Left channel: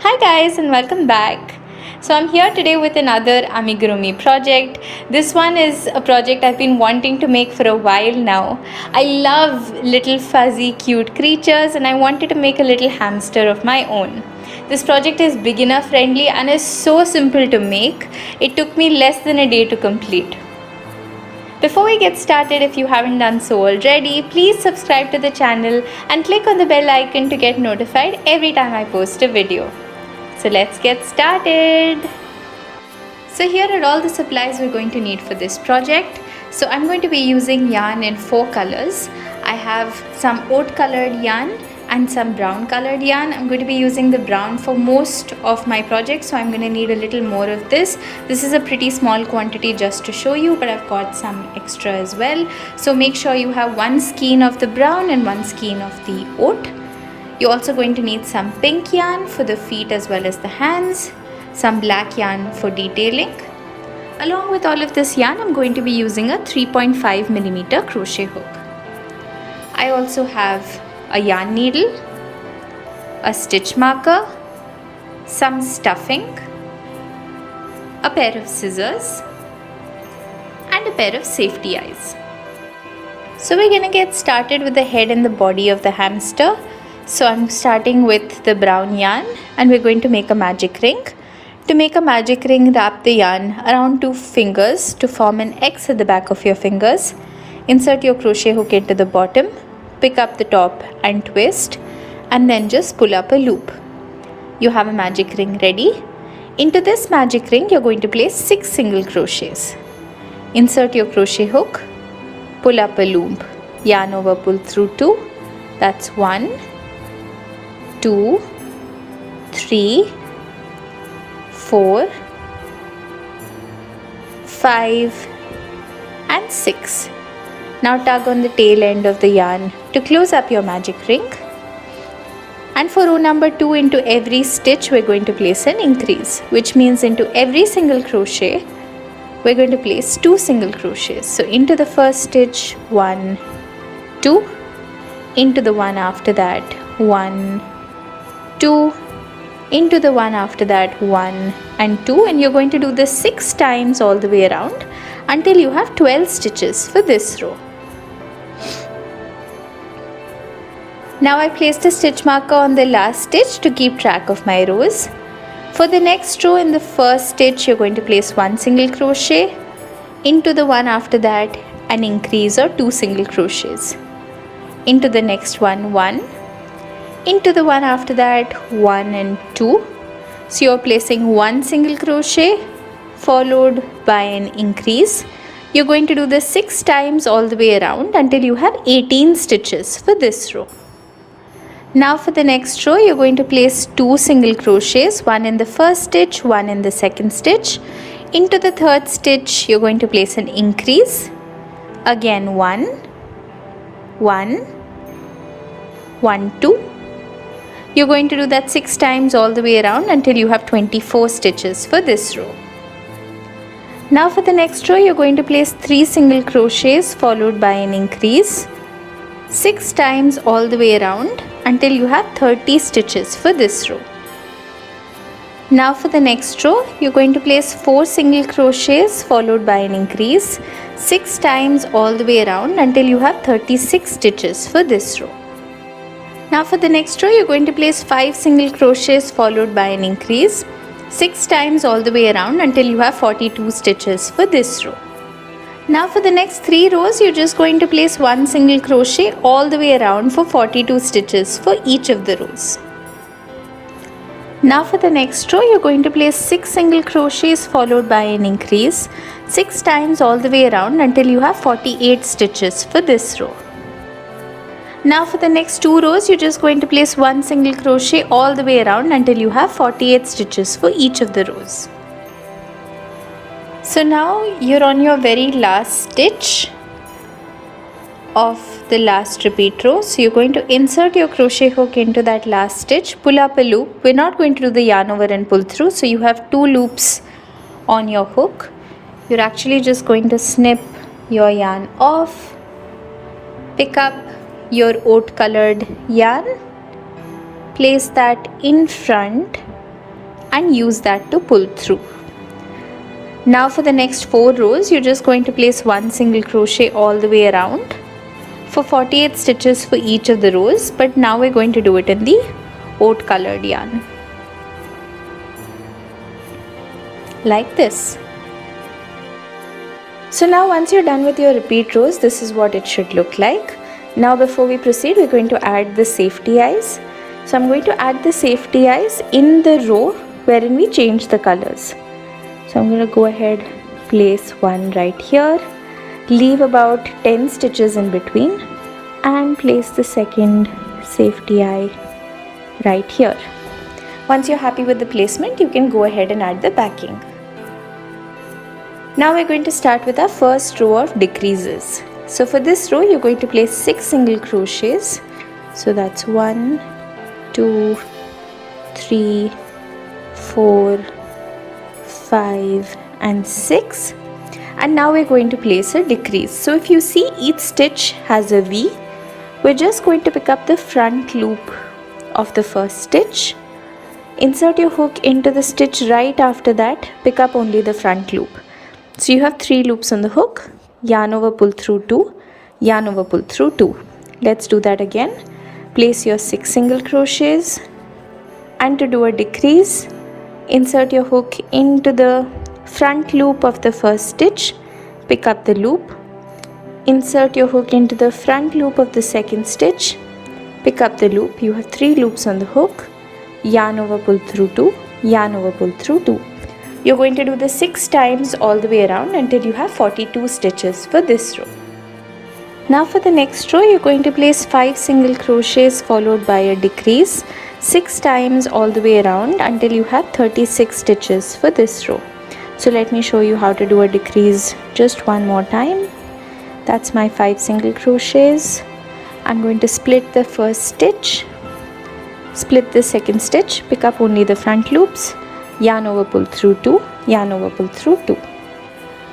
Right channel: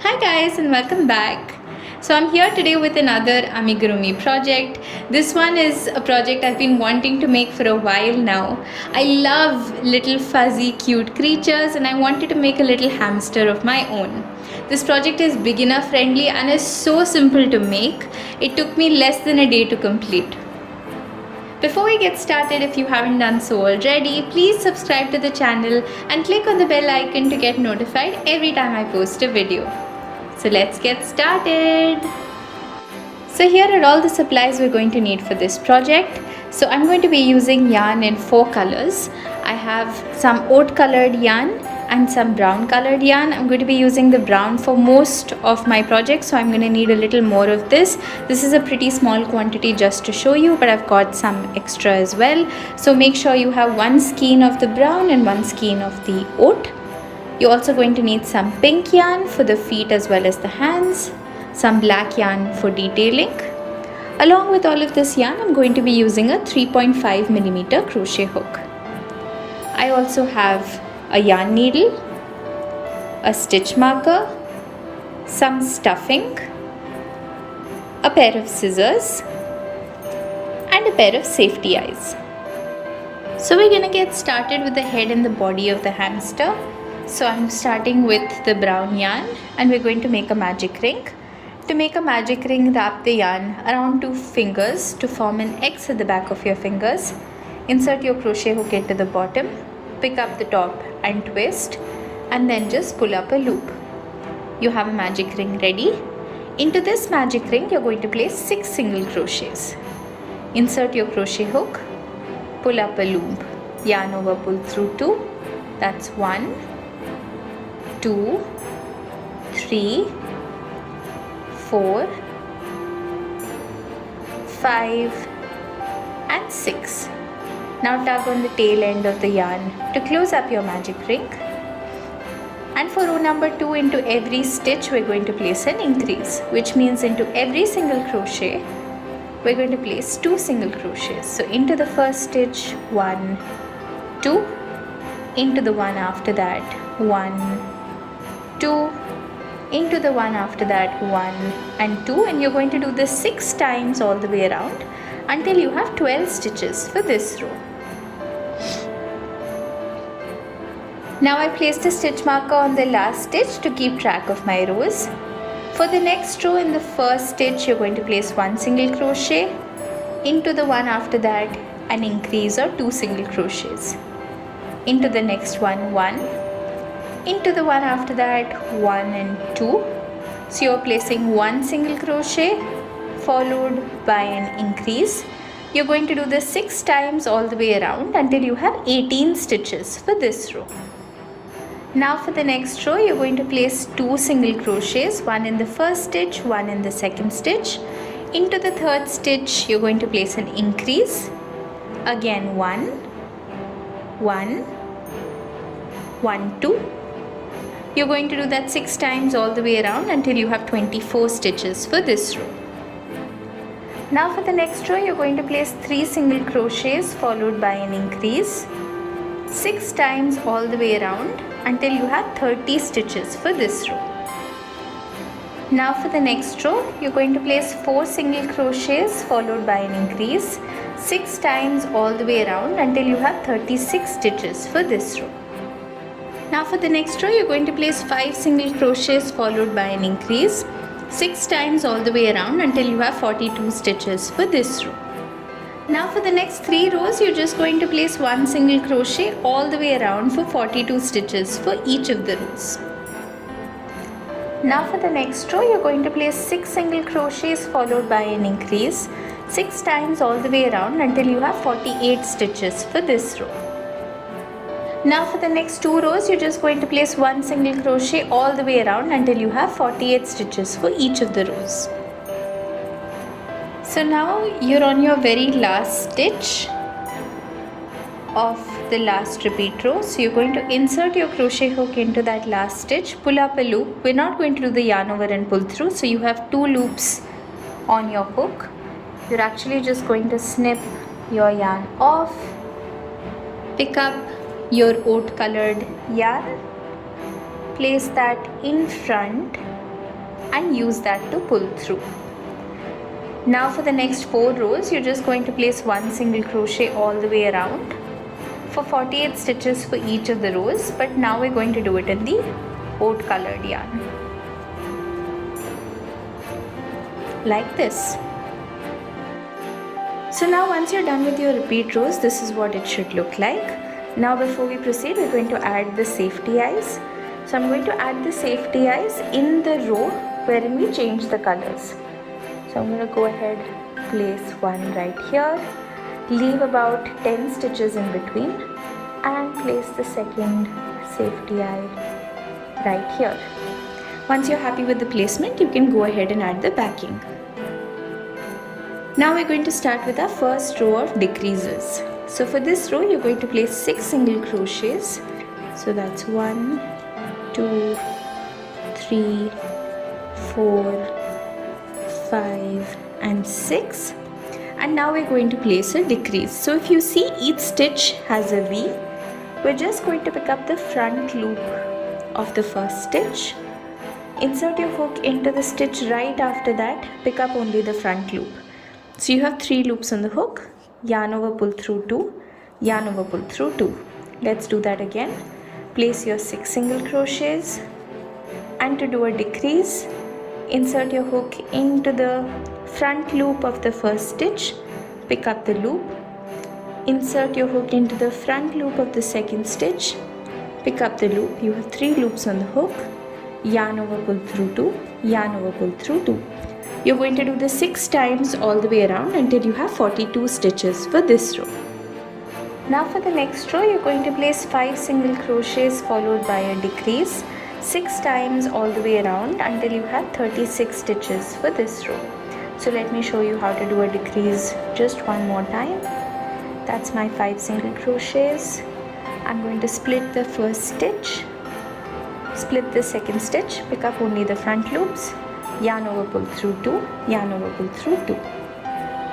Hi guys and welcome back. So I'm here today with another Amigurumi project. This one is a project I've been wanting to make for a while now. I love little fuzzy cute creatures and I wanted to make a little hamster of my own. This project is beginner friendly and is so simple to make. It took me less than a day to complete. Before we get started, if you haven't done so already, please subscribe to the channel and click on the bell icon to get notified every time I post a video. So let's get started. So here are all the supplies we're going to need for this project. So I'm going to be using yarn in 4 colors. I have some oat colored yarn and some brown colored yarn. I'm going to be using the brown for most of my project, so I'm going to need a little more of this. This is a pretty small quantity just to show you, but I've got some extra as well. So make sure you have 1 skein of the brown and 1 skein of the oat. You're also going to need some pink yarn for the feet as well as the hands, some black yarn for detailing. Along with all of this yarn, I'm going to be using a 3.5mm crochet hook. I also have a yarn needle, a stitch marker, some stuffing, a pair of scissors, and a pair of safety eyes. So we're gonna get started with the head and the body of the hamster. So I'm starting with the brown yarn and we're going to make a magic ring. To make a magic ring, wrap the yarn around 2 fingers to form an X at the back of your fingers. Insert your crochet hook into the bottom, pick up the top and twist, and then just pull up a loop. You have a magic ring ready. Into this magic ring, you're going to place 6 single crochets. Insert your crochet hook, pull up a loop, yarn over, pull through 2. That's 1, 2, 3, 4, 5, and 6. Now tug on the tail end of the yarn to close up your magic ring. And for row number 2, into every stitch we're going to place an increase, which means into every single crochet we're going to place 2 single crochets. So into the first stitch, 1, 2, into the one after that, 1, 2, into the one after that, 1 and 2, and you're going to do this 6 times all the way around until you have 12 stitches for this row. Now I placed a stitch marker on the last stitch to keep track of my rows. For the next row, in the first stitch you're going to place 1 single crochet, into the one after that an increase or 2 single crochets, into the next one, 1, into the one after that, 1 and 2. So you're placing 1 single crochet followed by an increase. You're going to do this 6 times all the way around until you have 18 stitches for this row. Now for the next row, you're going to place 2 single crochets, 1 in the first stitch, 1 in the second stitch. Into the third stitch, you're going to place an increase. Again 1, 1, 1, 2. You're going to do that 6 times all the way around until you have 24 stitches for this row. Now for the next row, you're going to place 3 single crochets followed by an increase 6 times all the way around until you have 30 stitches for this row. Now for the next row, you're going to place 4 single crochets followed by an increase 6 times all the way around until you have 36 stitches for this row. Now for the next row, you're going to place 5 single crochets followed by an increase 6 times all the way around until you have 42 stitches for this row. Now for the next 3 rows, you're just going to place 1 single crochet all the way around for 42 stitches for each of the rows. Now for the next row, you're going to place 6 single crochets followed by an increase 6 times all the way around until you have 48 stitches for this row. Now for the next 2 rows, you're just going to place 1 single crochet all the way around until you have 48 stitches for each of the rows. So now you're on your very last stitch of the last repeat row. So you're going to insert your crochet hook into that last stitch, pull up a loop. We're not going to do the yarn over and pull through, so you have 2 loops on your hook. You're actually just going to snip your yarn off, pick up your oat colored yarn, place that in front and use that to pull through. Now for the next 4 rows, you're just going to place 1 single crochet all the way around for 48 stitches for each of the rows, but now we're going to do it in the oat colored yarn, like this. So now once you're done with your repeat rows, this is what it should look like. Now before we proceed, we're going to add the safety eyes. So I'm going to add the safety eyes in the row wherein we change the colors. So I'm going to go ahead, place one right here, leave about 10 stitches in between, and place the second safety eye right here. Once you're happy with the placement, you can go ahead and add the backing. Now we're going to start with our first row of decreases. So for this row, you're going to place 6 single crochets. So that's 1, 2, 3, 4, 5 and 6. And now we're going to place a decrease. So if you see each stitch has a V, we're just going to pick up the front loop of the first stitch. Insert your hook into the stitch right after that, pick up only the front loop. So you have 3 loops on the hook, yarn over, pull through 2, yarn over, pull through 2. Let's do that again. Place your 6 single crochets, and to do a decrease, insert your hook into the front loop of the first stitch, pick up the loop, insert your hook into the front loop of the second stitch, pick up the loop. You have 3 loops on the hook, yarn over, pull through 2, yarn over, pull through 2. You're going to do this 6 times all the way around until you have 42 stitches for this row. Now for the next row, you're going to place 5 single crochets followed by a decrease 6 times all the way around until you have 36 stitches for this row. So let me show you how to do a decrease just one more time. That's my 5 single crochets. I'm going to split the first stitch, split the second stitch, pick up only the front loops, yarn over, pull through 2, yarn over, pull through 2.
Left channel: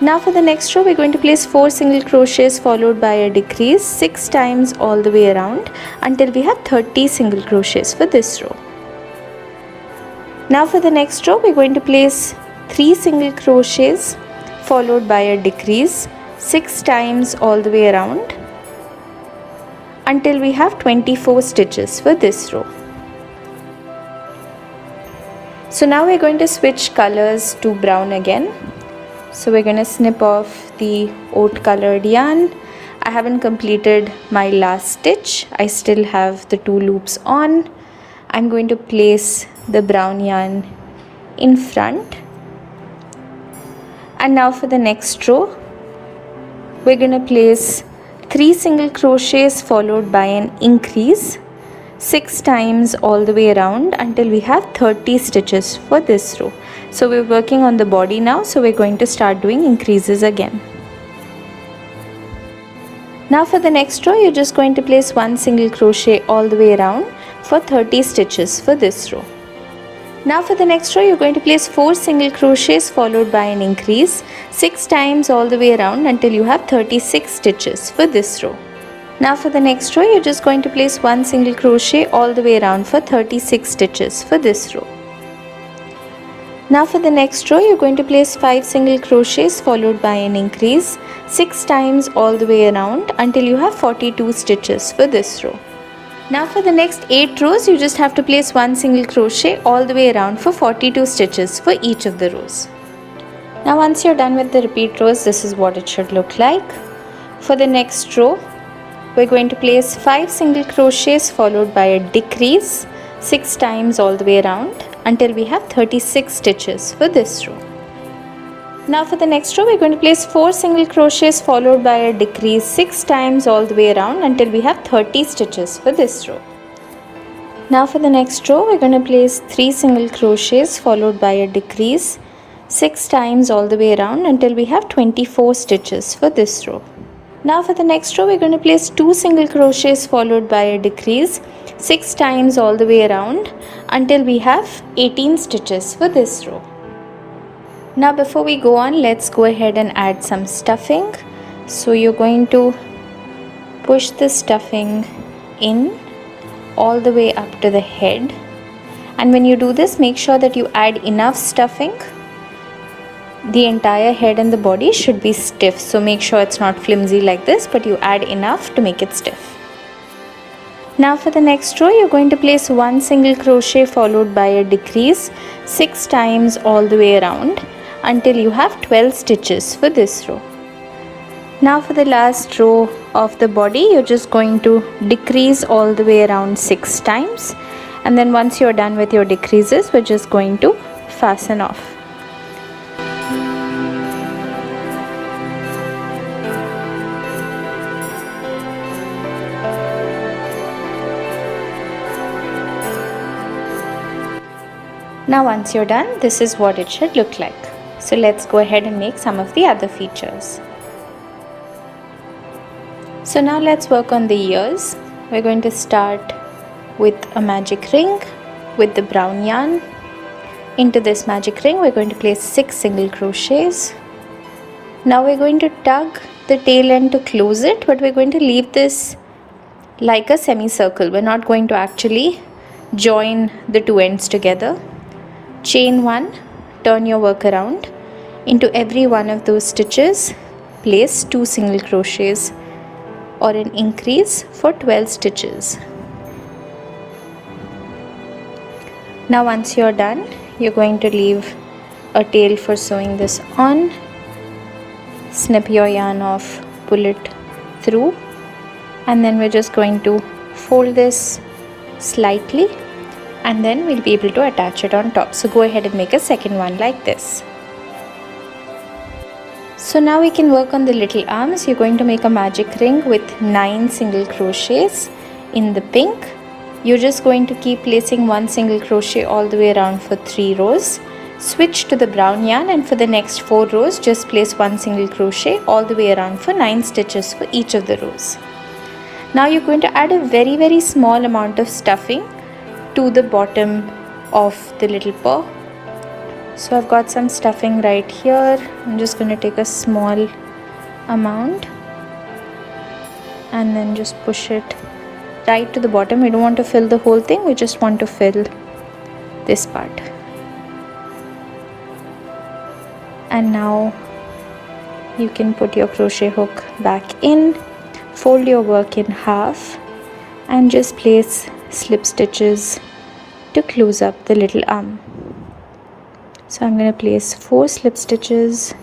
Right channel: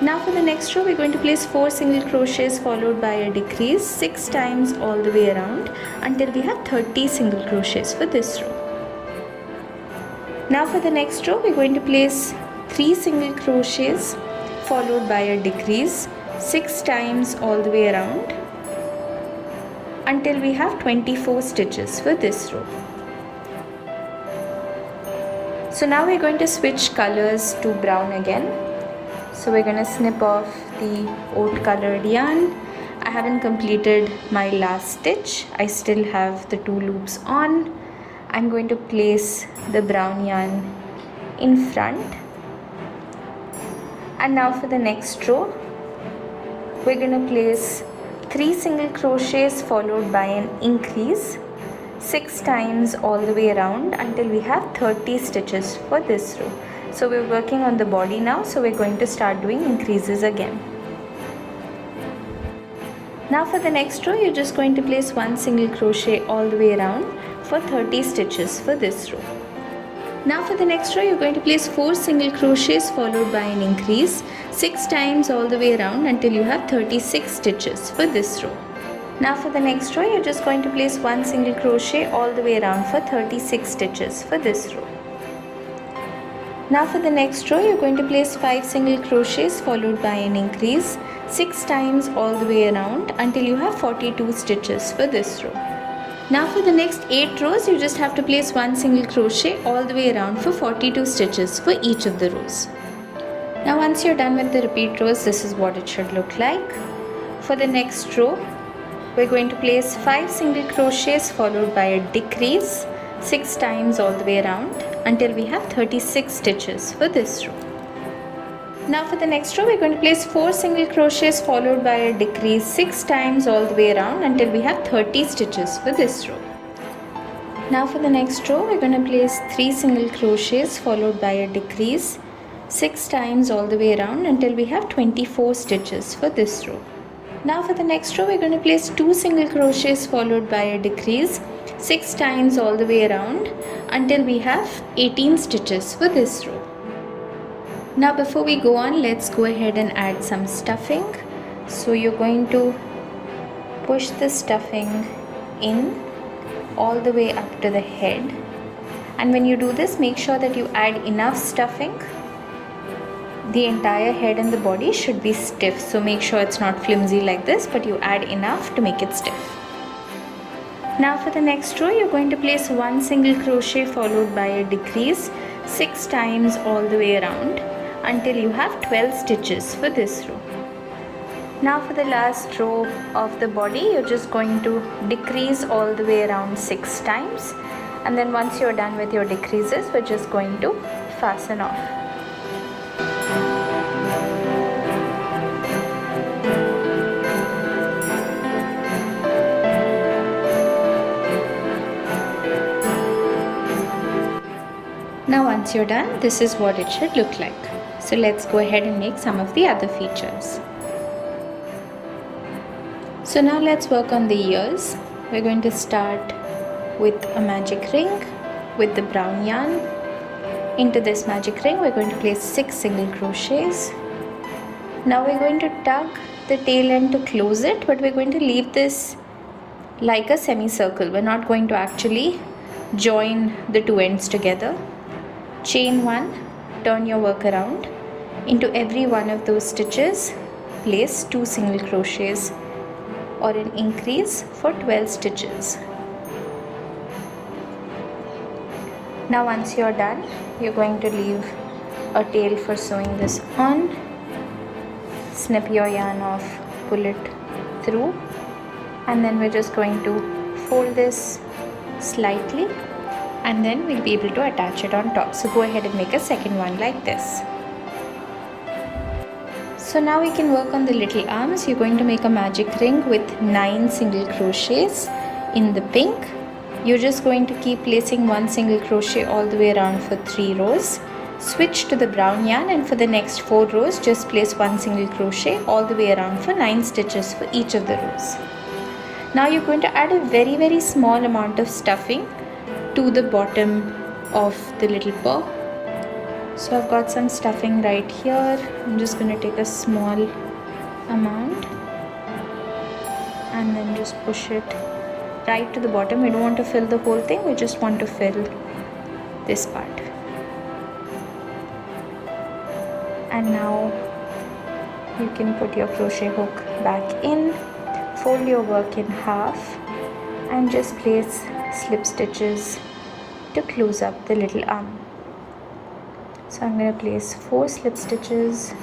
Now for the next row, we're going to place 4 single crochets followed by a decrease 6 times all the way around until we have 30 single crochets for this row. Now for the next row, we're going to place 3 single crochets followed by a decrease 6 times all the way around until we have 24 stitches for this row. So now we're going to switch colors to brown again. So we're going to snip off the oat colored yarn. I haven't completed my last stitch. I still have the 2 loops on. I'm going to place the brown yarn in front. And now for the next row, we're going to place 3 single crochets followed by an increase 6 times all the way around until we have 30 stitches for this row. So we're working on the body now, so we're going to start doing increases again. Now for the next row, you're just going to place 1 single crochet all the way around for 30 stitches for this row. Now for the next row, you're going to place 4 single crochets followed by an increase 6 times all the way around until you have 36 stitches for this row. Now for the next row, you're just going to place 1 single crochet all the way around for 36 stitches for this row. Now for the next row, you're going to place 5 single crochets followed by an increase 6 times all the way around until you have 42 stitches for this row. Now for the next 8 rows, you just have to place 1 single crochet all the way around for 42 stitches for each of the rows. Now once you're done with the repeat rows, this is what it should look like. For the next row, we're going to place 5 single crochets followed by a decrease 6 times all the way around until we have 36 stitches for this row. Now for the next row, we're going to place 4 single crochets followed by a decrease 6 times all the way around until we have 30 stitches for this row. Now for the next row, we're going to place 3 single crochets followed by a decrease 6 times all the way around until we have 24 stitches for this row. Now for the next row, we're going to place 2 single crochets followed by a decrease 6 times all the way around until we have 18 stitches for this row. Now before we go on, let's go ahead and add some stuffing. So you're going to push the stuffing in all the way up to the head And when you do this, make sure that you add enough stuffing. The entire head and the body should be stiff, so make sure it's not flimsy like this, but you add enough to make it stiff. Now for the next row, you're going to place one single crochet followed by a decrease 6 times all the way around until you have 12 stitches for this row. Now for the last row of the body, you're just going to decrease all the way around 6 times, and then once you're done with your decreases, we're just going to fasten off. Now once you're done, this is what it should look like. So let's go ahead and make some of the other features. So now let's work on the ears. We're going to start with a magic ring with the brown yarn. Into this magic ring, we're going to place 6 single crochets. Now we're going to tug the tail end to close it, but we're going to leave this like a semicircle. We're not going to actually join the two ends together. Chain 1, turn your work around. Into every one of those stitches, place 2 single crochets or an increase for 12 stitches. Now once you're done, you're going to leave a tail for sewing this on. Snip your yarn off, pull it through, and then we're just going to fold this slightly, and then we'll be able to attach it on top. So go ahead and make a second one like this. So now we can work on the little arms. You're going to make a magic ring with 9 single crochets in the pink. You're just going to keep placing 1 single crochet all the way around for 3 rows. Switch to the brown yarn, and for the next 4 rows just place 1 single crochet all the way around for 9 stitches for each of the rows. Now you're going to add a very small amount of stuffing to the bottom of the little paw. So I've got some stuffing right here. I'm just going to take a small amount and then just push it right to the bottom. We don't want to fill the whole thing, we just want to fill this part. And now you can put your crochet hook back in, fold your work in half, and just place slip stitches to close up the little arm. So I'm going to place 4 slip stitches,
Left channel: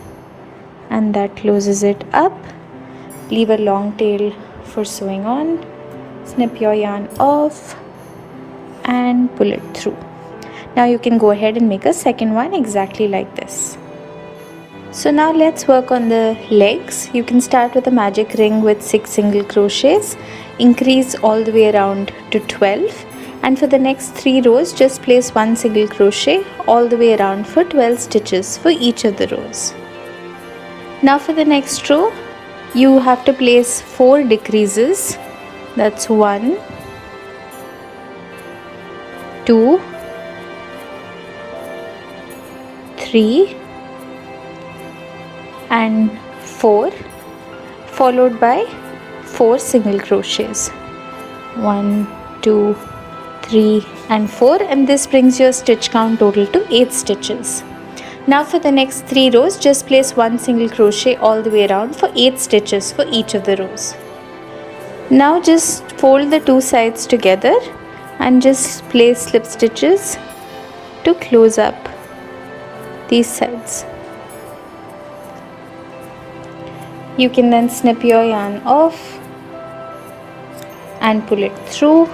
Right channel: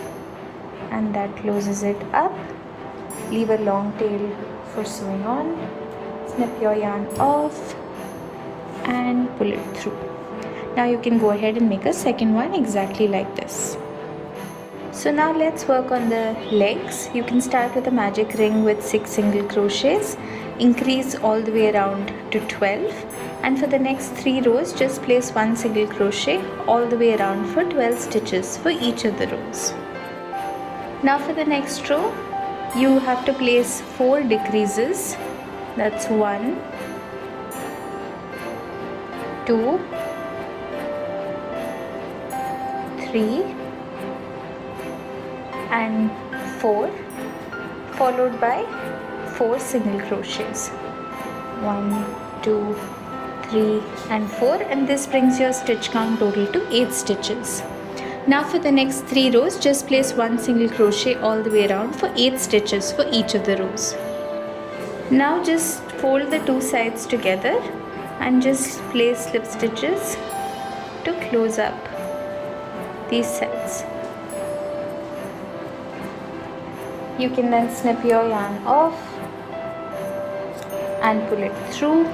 and that closes it up. Leave a long tail for sewing on. Snip your yarn off and pull it through. Now you can go ahead and make a second one exactly like this. So now let's work on the legs. You can start with a magic ring with 6 single crochets, increase all the way around to 12, and for the next 3 rows just place 1 single crochet all the way around for 12 stitches for each of the rows. Now for the next row, you have to place 4 decreases. That's 1, 2, 3 and 4, followed by 4 single crochets. 1, 2, 3 and 4, and this brings your stitch count total to 8 stitches. Now for the next 3 rows, just place 1 single crochet all the way around for 8 stitches for each of the rows. Now just fold the 2 sides together and just place slip stitches to close up these sides. You can then snip your yarn off and pull it through.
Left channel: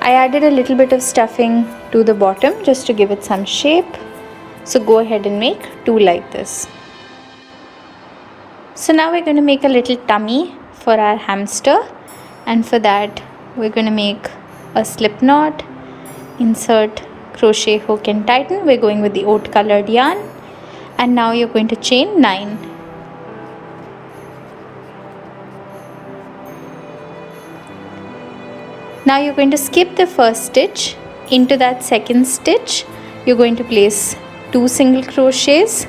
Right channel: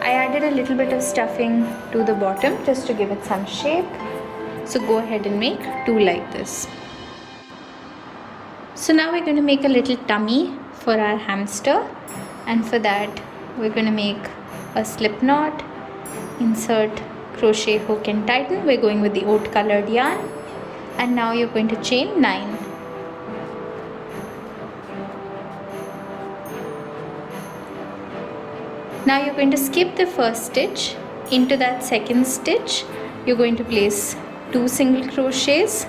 I added a little bit of stuffing to the bottom just to give it some shape. So go ahead and make 2 like this. So now we're going to make a little tummy for our hamster, and for that we're going to make a slip knot, insert crochet hook and tighten. We're going with the oat colored yarn, and now you're going to chain 9. Now you're going to skip the first stitch. Into that second stitch you're going to place 2 single crochets,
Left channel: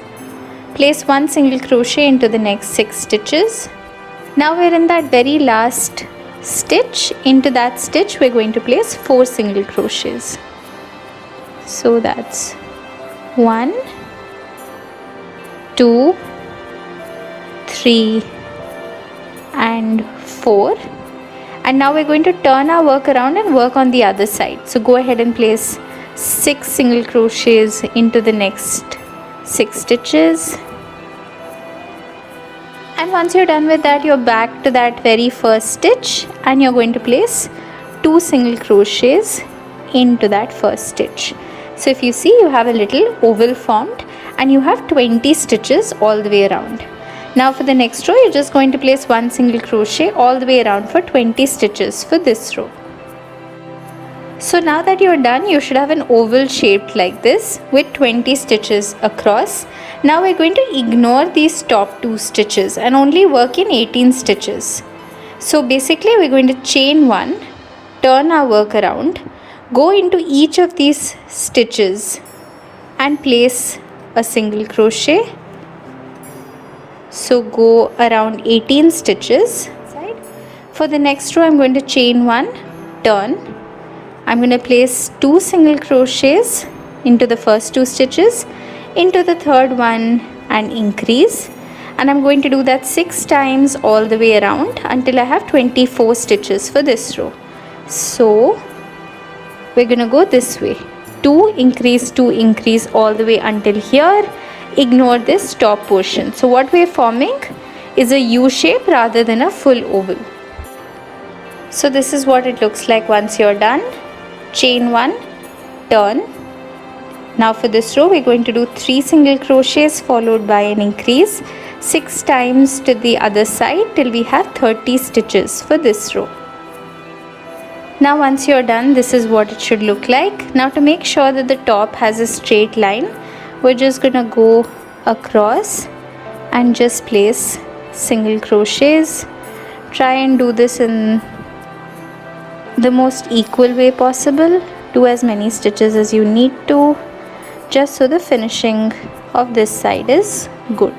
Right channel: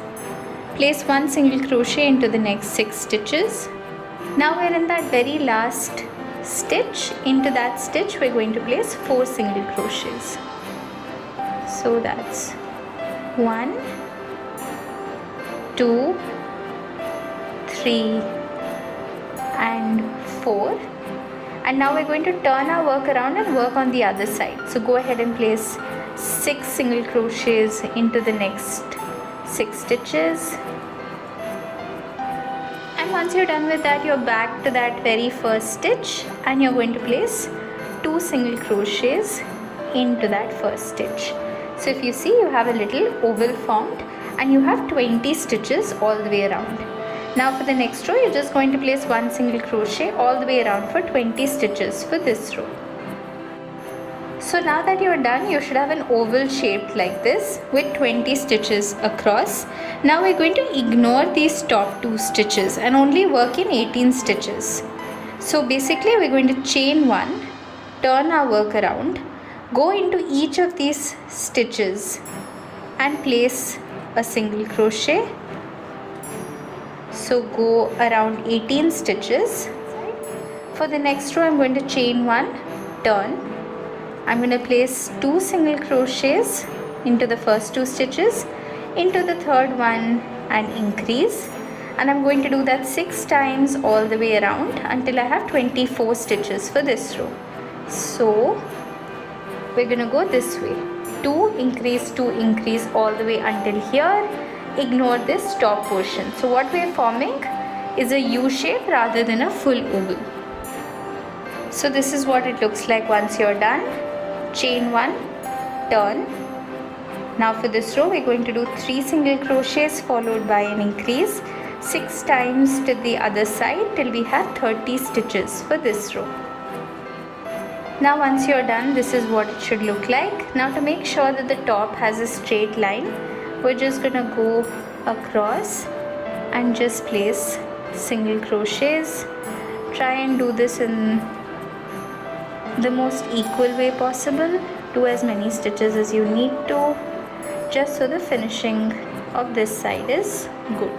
place 1 single crochet into the next 6 stitches. Now we're in that very last stitch. Into that stitch we're going to place 4 single crochets. So that's 1, 2, 3 and 4. And now we're going to turn our work around and work on the other side. So go ahead and place 6 single crochets into the next 6 stitches. And once you're done with that, you're back to that very first stitch and you're going to place 2 single crochets into that first stitch. So if you see, you have a little oval formed and you have 20 stitches all the way around. Now for the next row, you're just going to place 1 single crochet all the way around for 20 stitches for this row. So now that you're done, you should have an oval shaped like this with 20 stitches across. Now we're going to ignore these top 2 stitches and only work in 18 stitches. So basically we're going to chain 1, turn our work around, go into each of these stitches and place a single crochet. So go around 18 stitches. For the next row, I'm going to chain 1, turn. I'm going to place 2 single crochets into the first 2 stitches, into the third one and increase. And I'm going to do that 6 times all the way around until I have 24 stitches for this row. So we're going to go this way. 2 increase all the way until here. Ignore this top portion. So what we're forming is a U shape rather than a full oval. So this is what it looks like once you're done. Chain 1, turn. Now for this row, we're going to do 3 single crochets followed by an increase 6 times to the other side till we have 30 stitches for this row. Now once you're done, this is what it should look like. Now to make sure that the top has a straight line, we're just gonna go across and just place single crochets. Try and do this in the most equal way possible. Do as many stitches as you need to, just so the finishing of this side is good.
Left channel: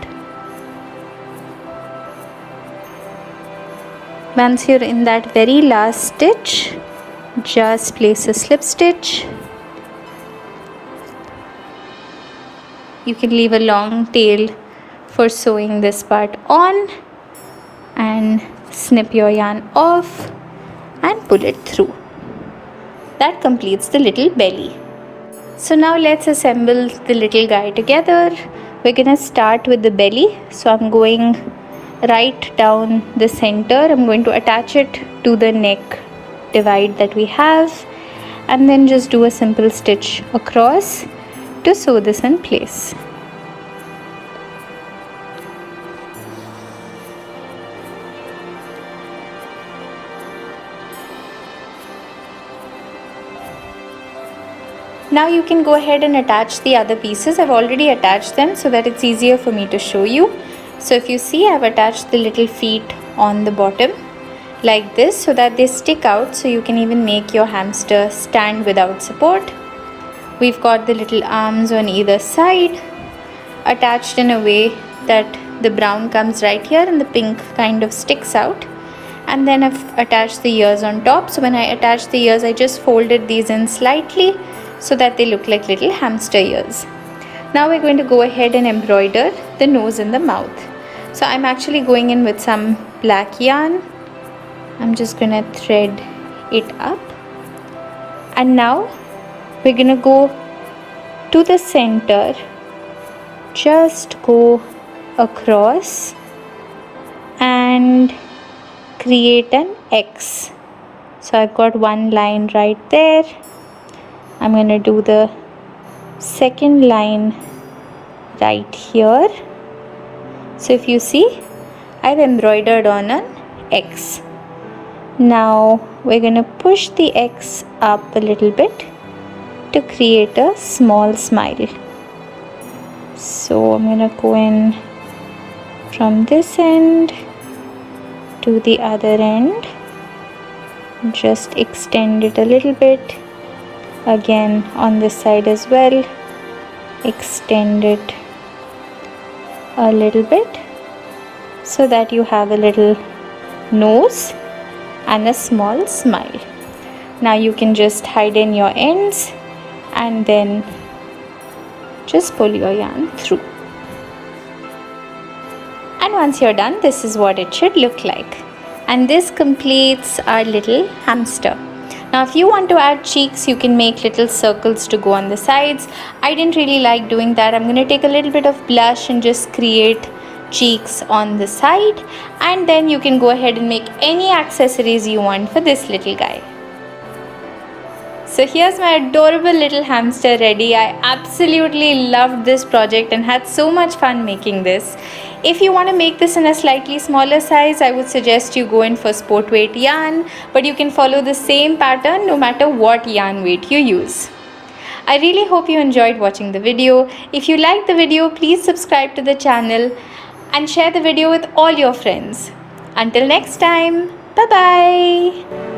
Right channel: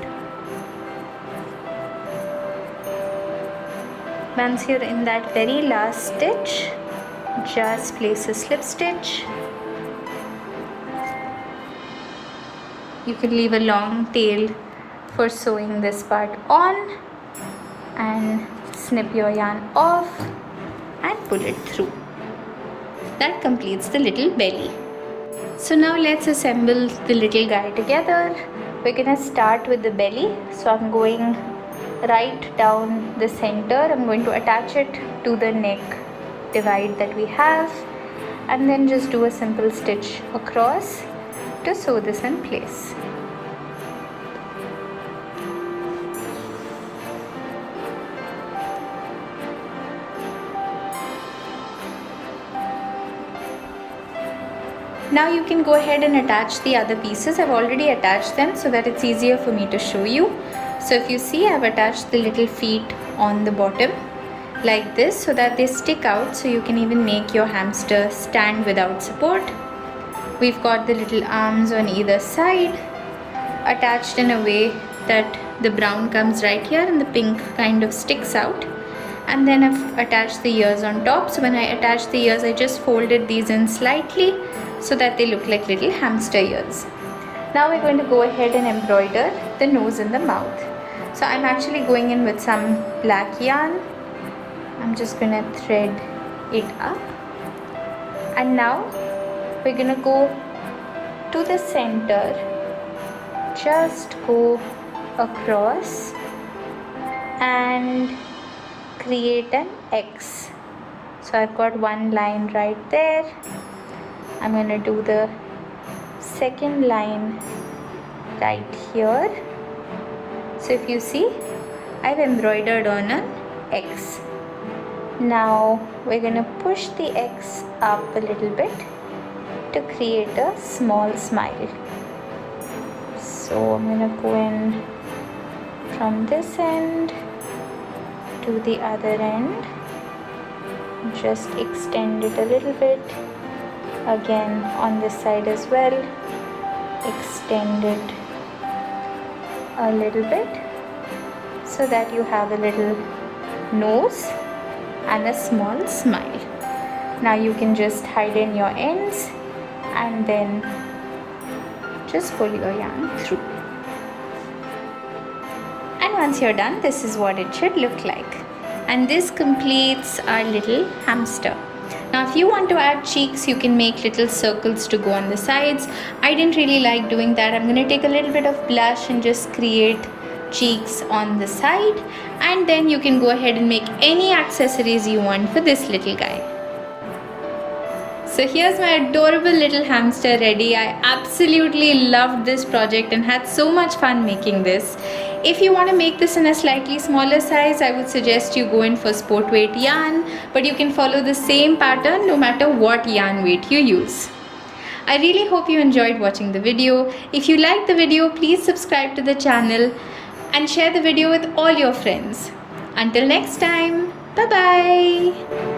Once you're in that very last stitch, just place a slip stitch. You can leave a long tail for sewing this part on and snip your yarn off and pull it through. That completes the little belly. So now let's assemble the little guy together. We're gonna start with the belly. So I'm going right down the center. I'm going to attach it to the neck divide that we have and then just do a simple stitch across to sew this in place. Now you can go ahead and attach the other pieces. I've already attached them so that it's easier for me to show you. So if you see, I've attached the little feet on the bottom like this so that they stick out, so you can even make your hamster stand without support. We've got the little arms on either side attached in a way that the brown comes right here and the pink kind of sticks out. And then I've attached the ears on top. So when I attach the ears, I just folded these in slightly so that they look like little hamster ears. Now we're going to go ahead and embroider the nose and the mouth. So I'm actually going in with some black yarn. I'm just going to thread it up. And now we're going to go to the center. Just go across and create an X. So I've got one line right there. I'm going to do the second line right here. So if you see, I've embroidered on an X. Now we're going to push the X up a little bit to create a small smile. So I'm going to go in from this end to the other end. Just extend it a little bit. Again on this side as well. Extend it a little bit so that you have a little nose and a small smile. Now you can just hide in your ends and then just pull your yarn through. And once you're done, this is what it should look like. And this completes our little hamster. Now if you want to add cheeks, you can make little circles to go on the sides. I didn't really like doing that. I'm going to take a little bit of blush and just create cheeks on the side, and then you can go ahead and make any accessories you want for this little guy. So here's my adorable little hamster ready. I absolutely loved this project and had so much fun making this. If you want to make this in a slightly smaller size, I would suggest you go in for sport weight yarn, but you can follow the same pattern no matter what yarn weight you use. I really hope you enjoyed watching the video. If you liked the video, please subscribe to the channel and share the video with all your friends. Until next time, bye bye.